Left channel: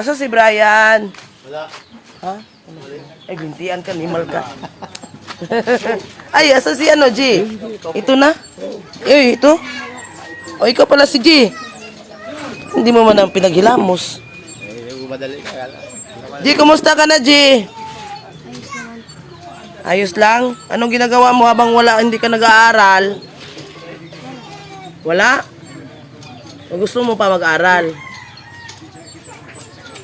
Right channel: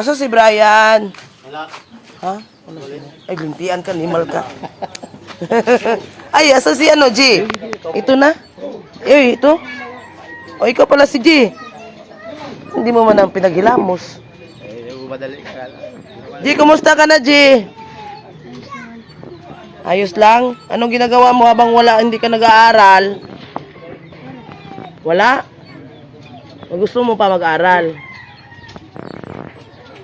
asa si Brian? Wala. Ha? Ano? Ay, bintian ka, nimal ka. Ay, asa si ano, G? Ito na? Eh, ito? O, ikaw pala si G. Hindi mo man ang pinaghilamos. Eh. G, kumusta ka na, G? Ayos lang? Anong ginagawa mo habang wala, hindi ka nag-aaral? Wala? O gusto mo pa mag-aral?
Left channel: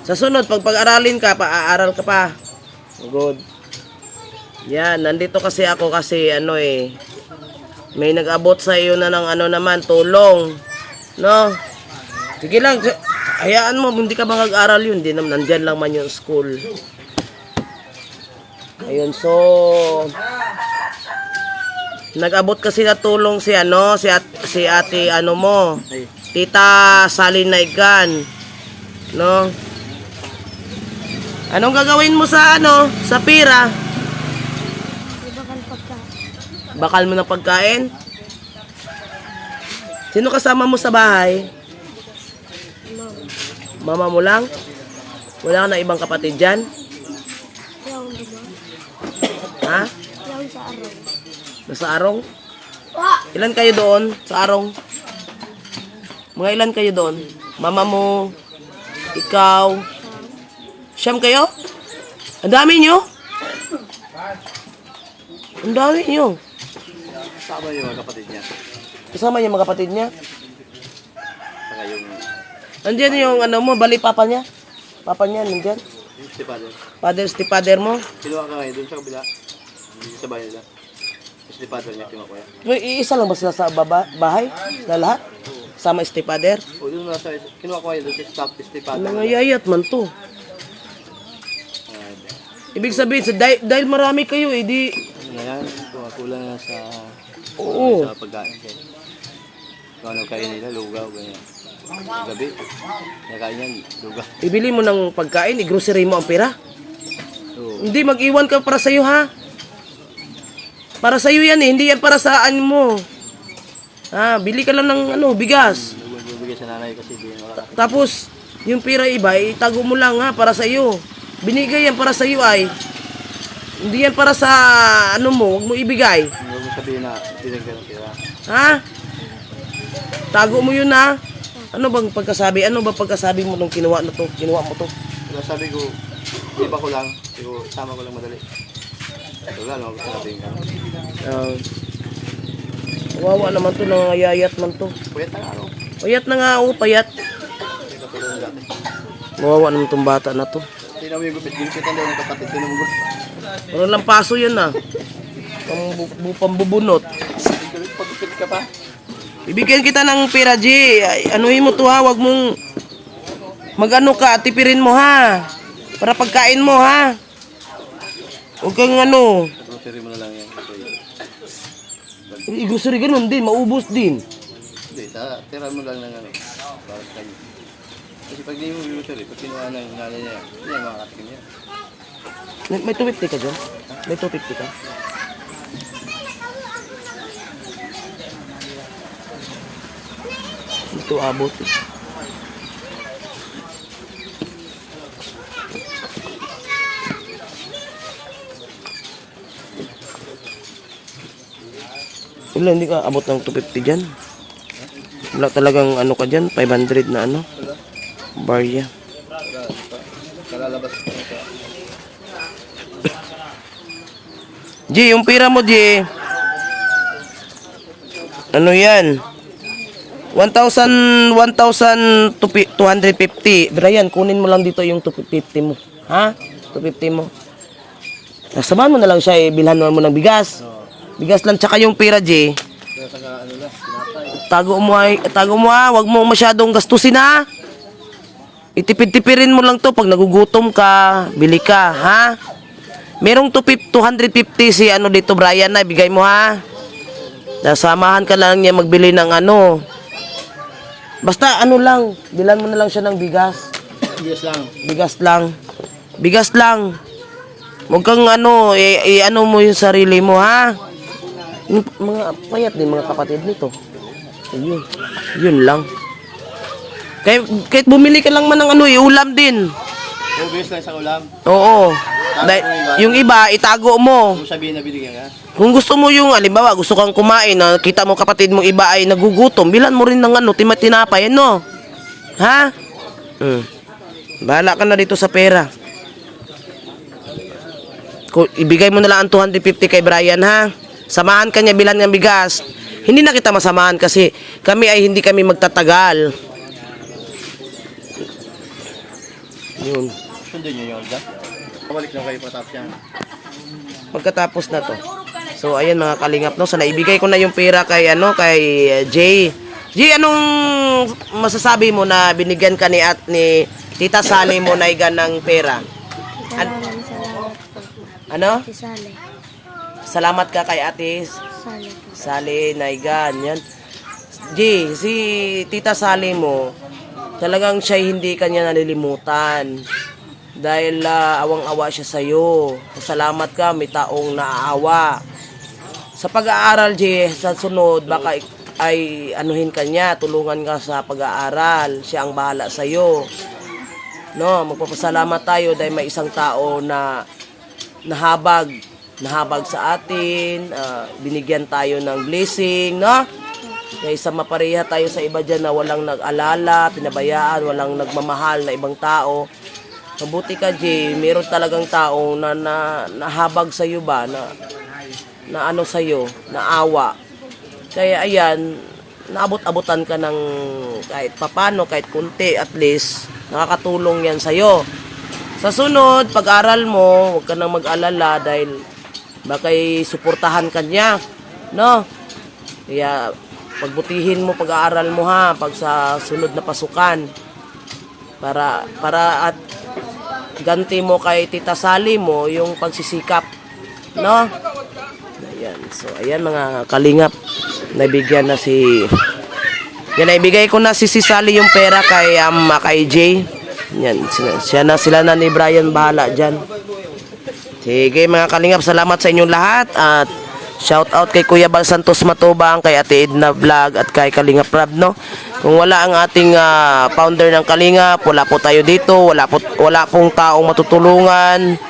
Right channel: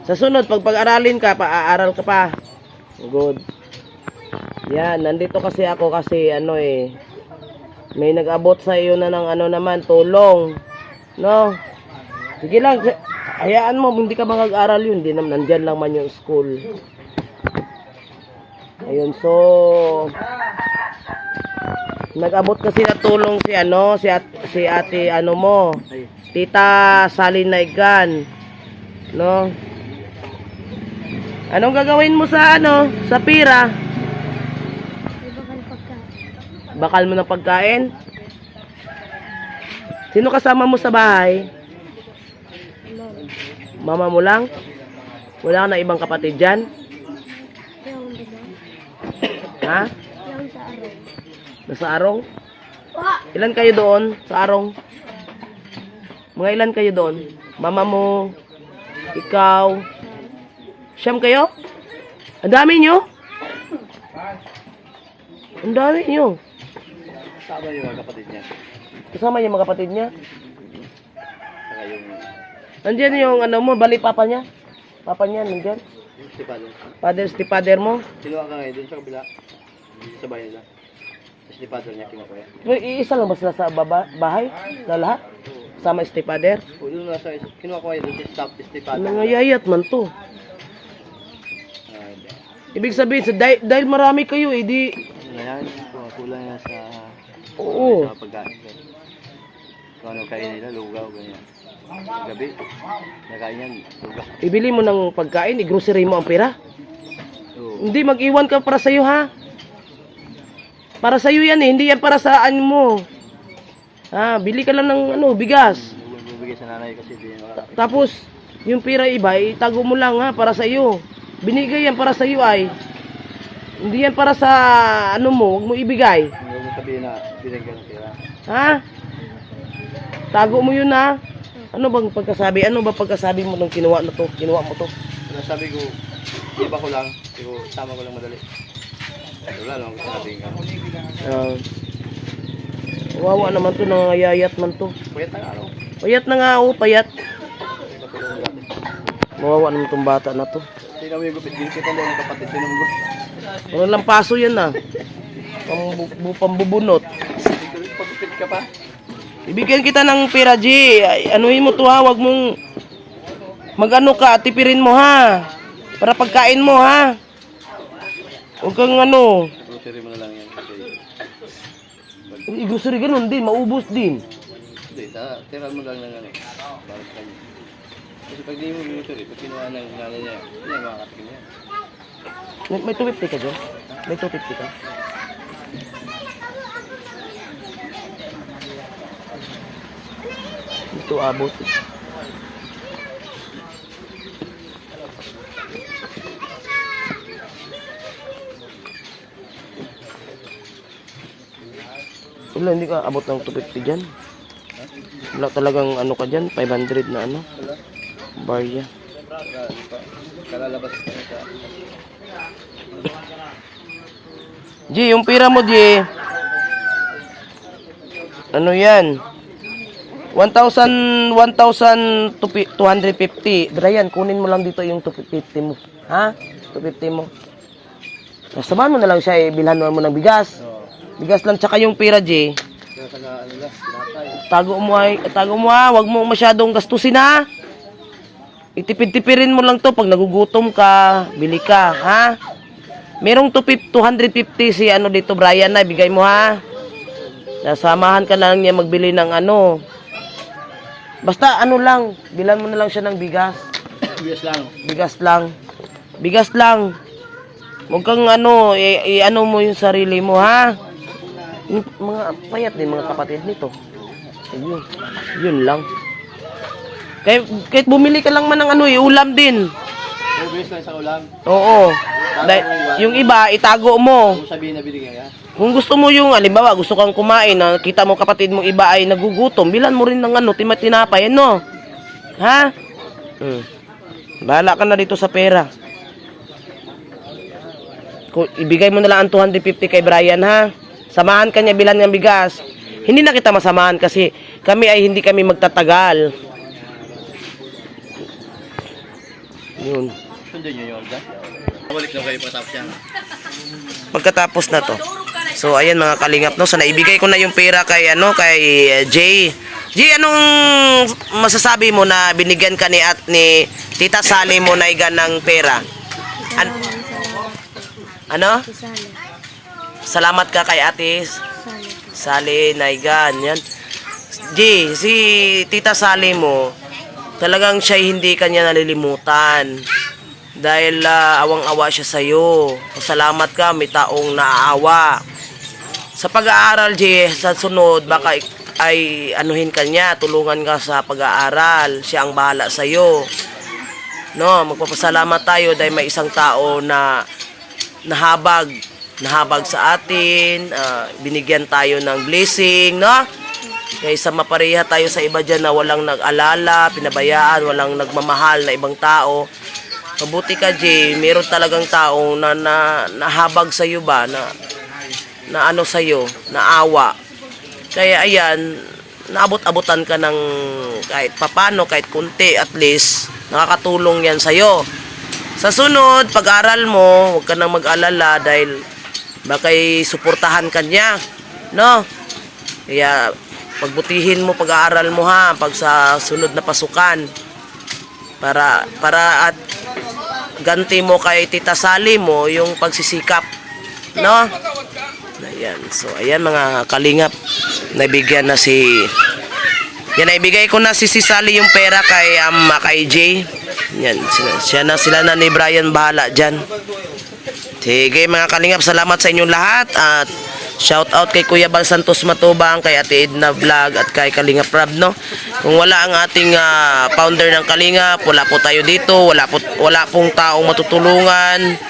Sa sunod, pag pag-aralin ka, pa-aaral ka pa. Good. Yan, nandito kasi ako kasi ano eh, may nag-abot sa iyo na ng ano naman, tulong. No? Sige lang, hayaan mo, hindi ka ba mag-aral yun? Hindi naman, nandyan lang man yung school. Ayun, so, nag-abot kasi na tulong si ano, si, at, si ate ano mo, tita Sally Naigan. No? Anong gagawin mo sa ano, sa pira? Bakal mo ng pagkain? Sino kasama mo sa bahay? Mama mo lang? Wala na ibang kapatid dyan? Ha? Nasa arong? Ilan kayo doon sa arong? Mga ilan kayo doon? Mama mo? Ikaw? Siyam kayo? Ang dami nyo? Ang dami nyo. Sama yung mga kapatid niya. Kasama yung mga kapatid niya. Saka yung Nandiyan yung ano mo, bali papa niya. Papa niya, nandiyan. si Padre. Father, si father mo. Kinuha ka ngayon dun sa kabila. Hindi sa bahay nila. Si Padre niya yan. May iisa lang ba sila sa baba, bahay? Na lahat? Sama si father? O dun nasa kinuha ko ngayon dun sa Padre. Nangayayat man to. Ibig sabihin, sa dahil, dahil marami kayo, eh, di... Ano na yan? Kumakulang na sa Oo. sa pagkain. Kung ano kain nila, lugaw, ganyan. Gabi, nakain yan, lugaw. Ibili mo ng pagkain, i-grocery mo ang pera. Oo. Hindi, mag-iwan ka para sa'yo, ha? Para sa'yo yan, eh. Hindi yan para saan mo. Ha, bili ka lang ng ano, bigas. Bibigay sa nanay kasi di. Tapos, yung pira iba, itago mo lang ha, para sa iyo. Binigay yan para sa iyo ay. Hindi yan para sa ano mo, huwag mo ibigay. Huwag mo sabihin na ng pera. Ha? Tago mo yun ha. Ano bang pagkasabi? Ano ba pagkasabi mo nung kinuha na to? Kinuha mo to? Kaya sabi ko, iba ko lang, siguro sama ko lang madali. Wala naman gusto sabihin ka. Ah. Wawa naman to, nangayayat man to. Pagkat na ano, Payat na nga oh, payat. Wawa naman tong bata na to. Tingnan mo yung gupit, ginsit ang daw ng kapatid ko ng gupit. Walang lang paso yan ah. Pambu- pambubunot. Pagupit ka pa. Ibigyan kita ng pera, G. Anuhin mo to ha, wag mong magano ka, tipirin mo ha. Para pagkain mo ha. Huwag kang ano, Grocery mo na lang yan. Okay. igusuri ganun din, maubos din. Hindi, tira mo lang ng ano. Para sa kanya. Kasi pag di mo grocery, pag kinuha ng nanay niya, hindi niya makakatikin niya. May may 250 ka dyan? May 250 ka? Ito abot. Wala, hindi ka abot ng 250 dyan. Wala talagang ano ka dyan, 500 na ano. Barya. G, yung pira mo, G. Ano yan? 1,000, 1,250. Brian, kunin mo lang dito yung 250 mo. Ha? 250 mo. Samahan mo na lang siya, eh. Bilhan mo ng bigas. Bigas lang, tsaka yung pira, sinapay. Tago mo ay, tago mo ha, wag mo masyadong gastusin ha. Itipid-tipirin mo lang to pag nagugutom ka, bili ka, ha? Merong 250 250 si ano dito Brian na ibigay mo ha. Nasamahan ka lang niya magbili ng ano. Basta ano lang, bilan mo na lang siya ng bigas. Bigas lang. Bigas lang. Bigas lang. Huwag kang ano, i, i- ano mo yung sarili mo ha. Mga payat din mga kapatid nito. Ayun. Yun lang. Kahit, kahit bumili ka lang man ng ano, eh, ulam din. Yung bilis lang sa ulam. Oo. Dahil, yung iba, itago mo. Kung sabihin na binigyan ka. Kung gusto mo yung, alimbawa, gusto kang kumain, na kita mo kapatid mong iba ay nagugutom, bilan mo rin ng ano, tima tinapay, ano? Ha? Hmm. Bahala ka na dito sa pera. Kung ibigay mo na lang ang 250 kay Brian, ha? Samahan ka niya bilan ng bigas. Hindi na kita masamahan kasi kami ay hindi kami magtatagal. Yun. Sundin niyo yung order. Balik lang kayo patapos yan. pagkatapos na to. So ayan mga kalingap no, so naibigay ko na yung pera kay ano kay uh, Jay. Jay, anong masasabi mo na binigyan ka ni at ni Tita Sally mo na igan ng pera? An- ano? Salamat ka kay Ate. Sally Naigan. Yan. Jay, si Tita Sally mo, talagang siya hindi kanya nalilimutan. Dahil ah, awang-awa siya sa'yo. Pasalamat ka, may taong naaawa. Sa pag-aaral, Jay, sa sunod, baka ay anuhin ka niya, tulungan ka sa pag-aaral. Siya ang bahala sa'yo. No, magpapasalamat tayo dahil may isang tao na nahabag, nahabag sa atin, ah, binigyan tayo ng blessing, no? Kaysa mapareha tayo sa iba dyan na walang nag-alala, pinabayaan, walang nagmamahal na ibang tao. Mabuti ka, Jay, meron talagang tao na, na nahabag sa iyo ba, na, na ano sa iyo, naawa. Kaya ayan, naabot-abutan ka ng kahit papano, kahit kunti at least, nakakatulong yan sa'yo. Sa sunod, pag-aral mo, huwag ka nang mag-alala dahil bakay suportahan ka niya. No? Kaya pagbutihin mo pag-aaral mo ha, pag sa sunod na pasukan. Para, para at ganti mo kay Tita Sally mo yung pagsisikap. No? Ayan. So, ayan mga kalingap. Nabigyan na si... Yan, naibigay ko na si si Sally yung pera kay, um, kay Jay. Yan, sila, siya na sila na ni Brian bahala dyan. Sige mga kalingap, salamat sa inyong lahat at shout out kay Kuya Bal Santos Matubang, kay Ate Edna Vlog at kay Kalingap Rab, no? Kung wala ang ating ah, founder ng Kalingap, wala po tayo dito, wala po wala pong taong matutulungan.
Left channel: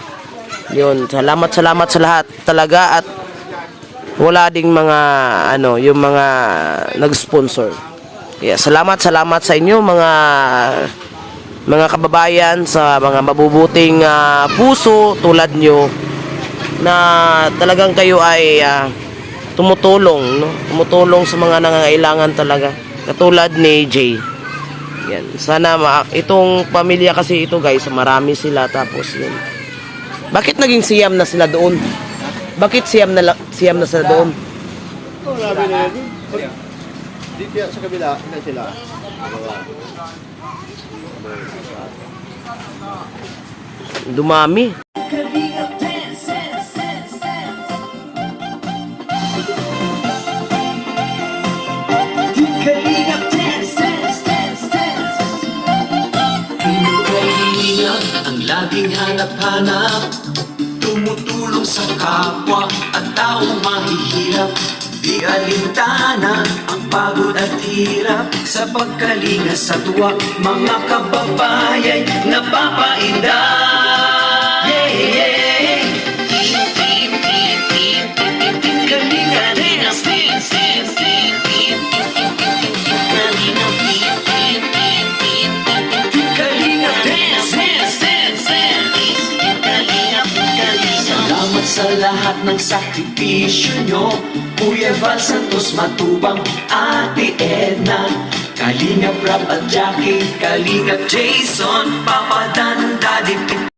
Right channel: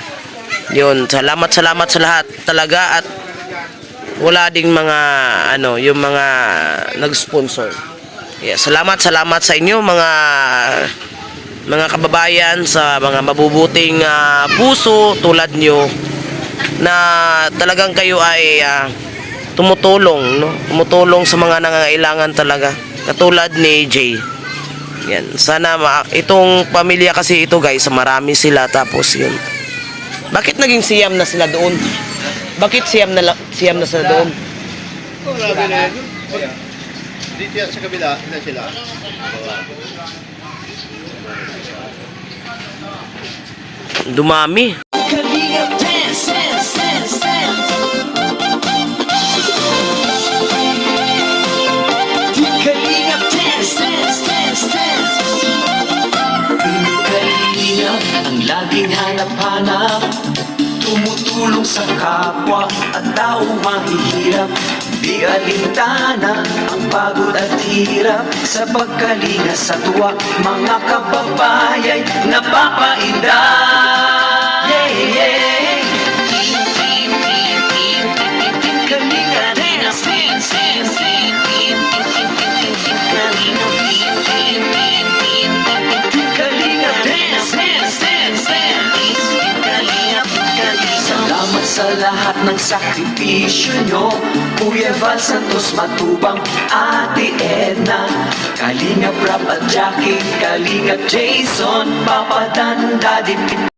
Yun, salamat salamat sa lahat talaga at wala ding mga ano, yung mga nag-sponsor. Yeah, salamat salamat sa inyo mga mga kababayan sa mga mabubuting ah, puso tulad nyo na talagang kayo ay ah, tumutulong no? Tumutulong sa mga nangangailangan talaga. Katulad ni Jay. Yan. Sana ma- itong pamilya kasi ito guys marami sila. Tapos yun. Bakit naging siyam na sila doon? Bakit siyam na siyam na sila doon? Grabe na. Dito sa kabila, na sila. dumami laging hanap-hanap Tumutulong sa kapwa at tao mahihirap. Di alintana ang pagod at hirap. Sa pagkalinga sa tuwa Mga kababayay napapainda Yeah, yeah sakripisyo nyo. Kuya Val Santos Matubang Ate Edna. Kalinga Prab at Jackie Kalinga Jason Papa Dan Daddy